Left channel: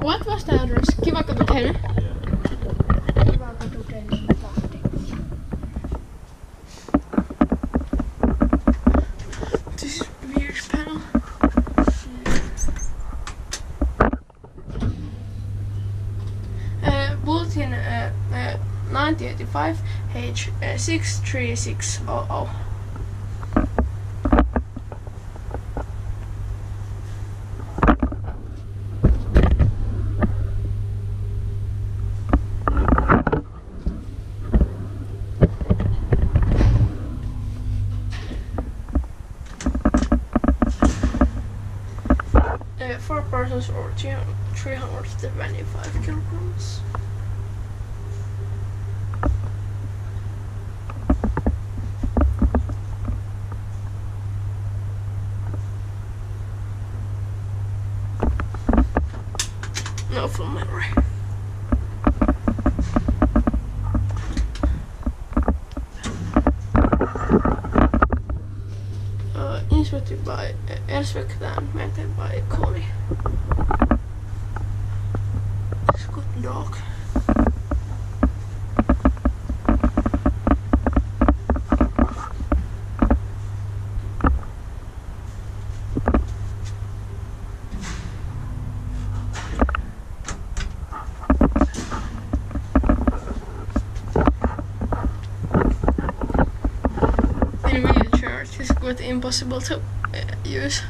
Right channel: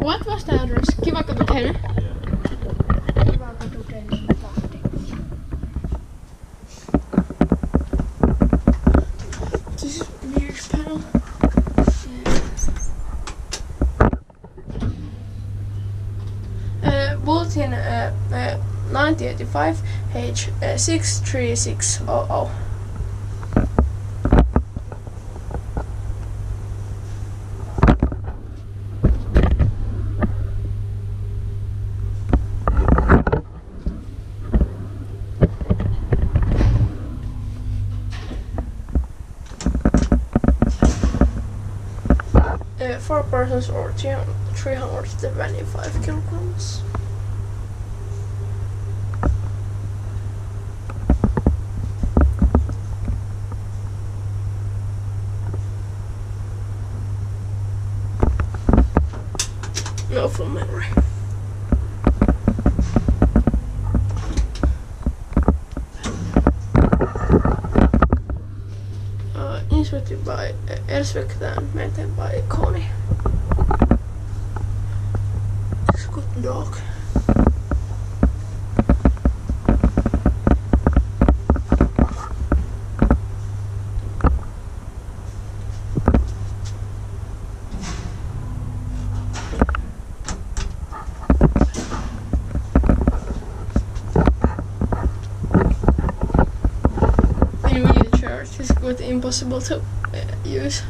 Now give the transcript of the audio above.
What was the address? Kivakatu 10? Kivakatu 10 Lahti. This is a weird panel. Bulletin 1985 H63600. Four persons or 325 kilograms. No full memory. Inspected by Elspecta and maintained by Kone. It's a good dog. In wheelchairs, it's quite impossible to use.